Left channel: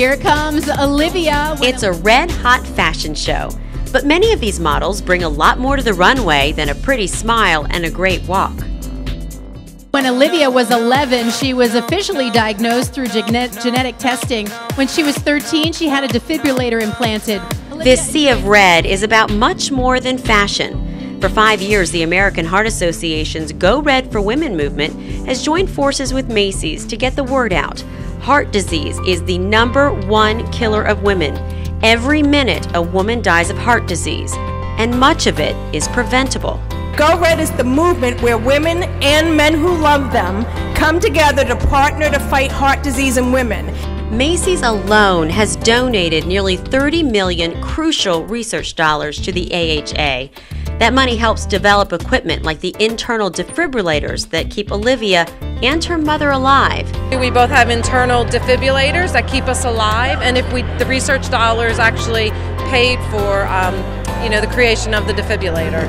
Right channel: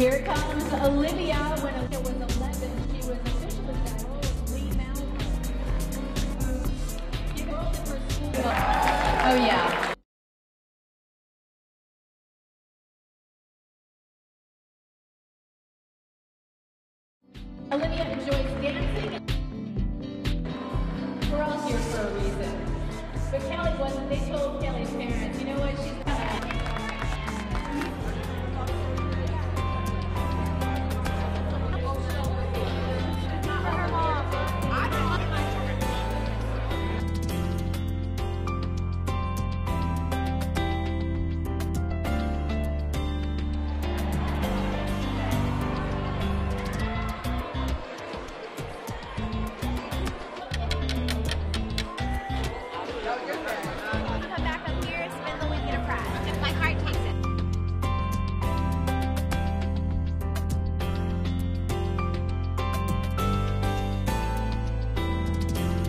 Here comes Olivia. It's a red-hot fashion show, but many of these models bring a lot more to the runway than a pretty smile and a great walk. Oh, yeah. When Olivia was 11, she was officially diagnosed through genetic testing. When she was 13, she had a defibrillator implanted. This sea of red is about much more than fashion. For 5 years, the American Heart Association's Go Red for Women movement has joined forces with Macy's to get the word out. Heart disease is the #1 killer of women. Every minute, a woman dies of heart disease, and much of it is preventable. Go Red is the movement where women and men who love them come together to partner to fight heart disease in women. Macy's alone has donated nearly $30 million crucial research dollars to the AHA. That money helps develop equipment like the internal defibrillators that keep Olivia and her mother alive. We both have internal defibrillators that keep us alive, and the research dollars actually paid for the creation of the defibrillator.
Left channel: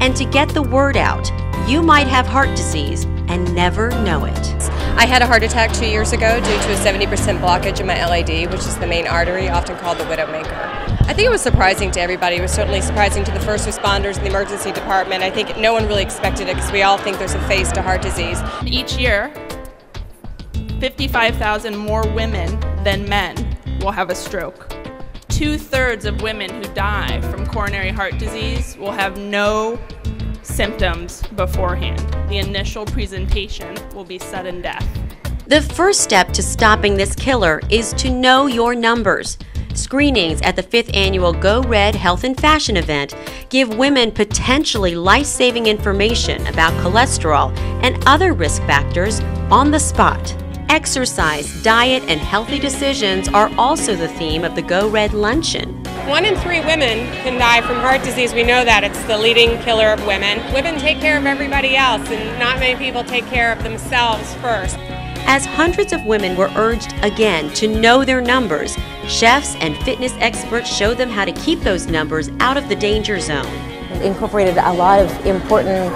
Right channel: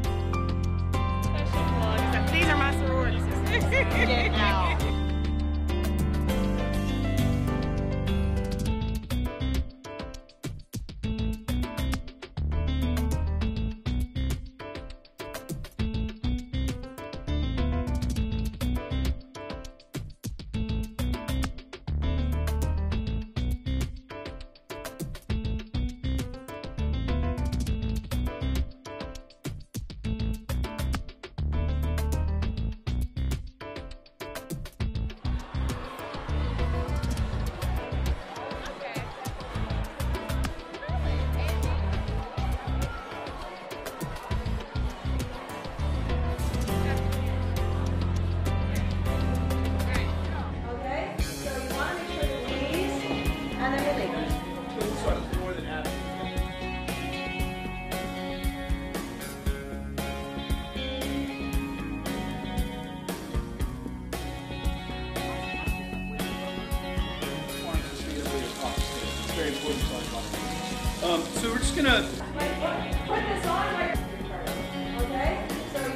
And to get the word out, you might have heart disease and never know it. I had a heart attack 2 years ago due to a 70% blockage in my LAD, which is the main artery, often called the widowmaker. I think it was surprising to everybody. It was certainly surprising to the first responders in the emergency department. I think no one really expected it because we all think there's a face to heart disease. Each year, 55,000 more women than men will have a stroke. 2/3 of women who die from coronary heart disease will have no symptoms beforehand. The initial presentation will be sudden death. The first step to stopping this killer is to know your numbers. Screenings at the 5th annual Go Red Health and Fashion event give women potentially life-saving information about cholesterol and other risk factors on the spot. Exercise, diet, and healthy decisions are also the theme of the Go Red Luncheon. 1 in 3 women can die from heart disease. We know that. It's the leading killer of women. Women take care of everybody else, and not many people take care of themselves first. As hundreds of women were urged again to know their numbers, chefs and fitness experts showed them how to keep those numbers out of the danger zone. Incorporated a lot of important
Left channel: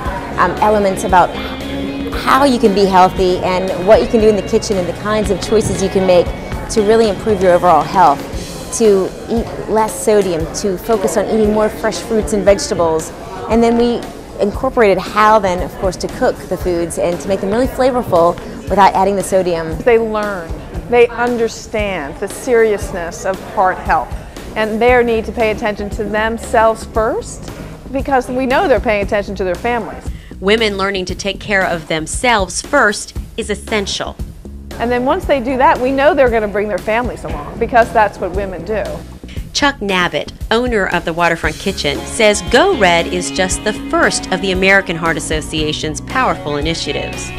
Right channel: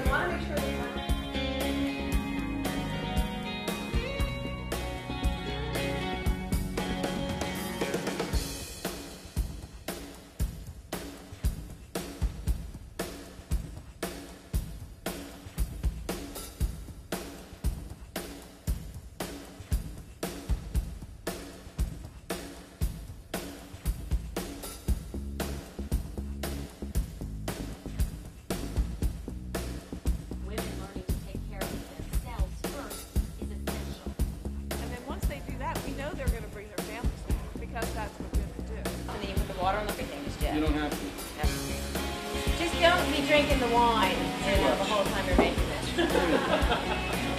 elements about how you can be healthy and what you can do in the kitchen and the kinds of choices you can make to really improve your overall health, to eat less sodium, to focus on eating more fresh fruits and vegetables. And then we incorporated how then, of course, to cook the foods and to make them really flavorful without adding the sodium. They learn, they understand the seriousness of heart health and their need to pay attention to themselves first, because we know they're paying attention to their families. Women learning to take care of themselves first is essential. And then once they do that, we know they're going to bring their families along, because that's what women do. Chuck Navitt, owner of the Waterfront Kitchen, says Go Red is just the first of the American Heart Association's powerful initiatives.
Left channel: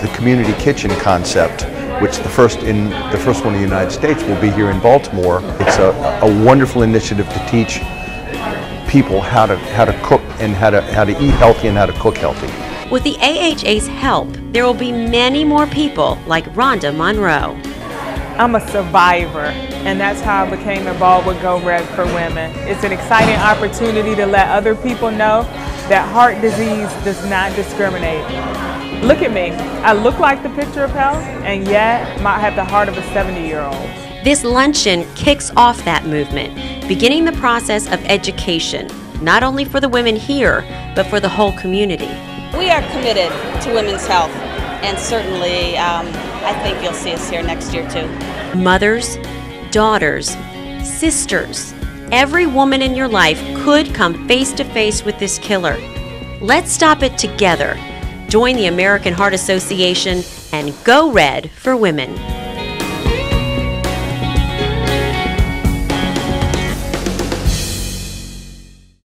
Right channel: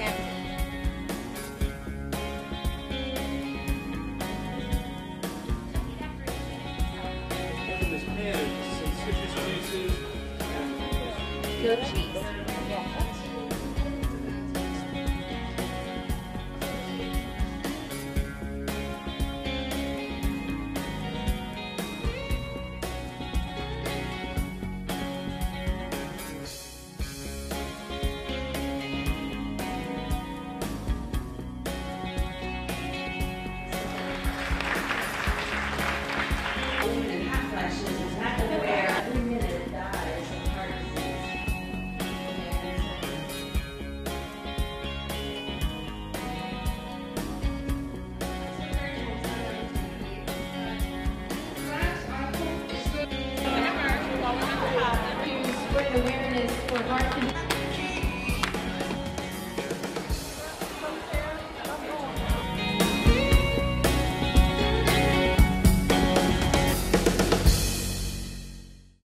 The community kitchen concept, which the first one in the United States will be here in Baltimore. It's a wonderful initiative to teach people how to cook and how to eat healthy and how to cook healthy. With the AHA's help, there will be many more people like Rhonda Monroe. I'm a survivor, and that's how I became involved with Go Red for Women. It's an exciting opportunity to let other people know that heart disease does not discriminate. Look at me. I look like the picture of health, and yet I have the heart of a 70-year-old. This luncheon kicks off that movement, beginning the process of education, not only for the women here, but for the whole community. We are committed to women's health, and certainly I think you'll see us here next year too. Mothers, daughters, sisters, every woman in your life could come face to face with this killer. Let's stop it together. Join the American Heart Association and Go Red for Women.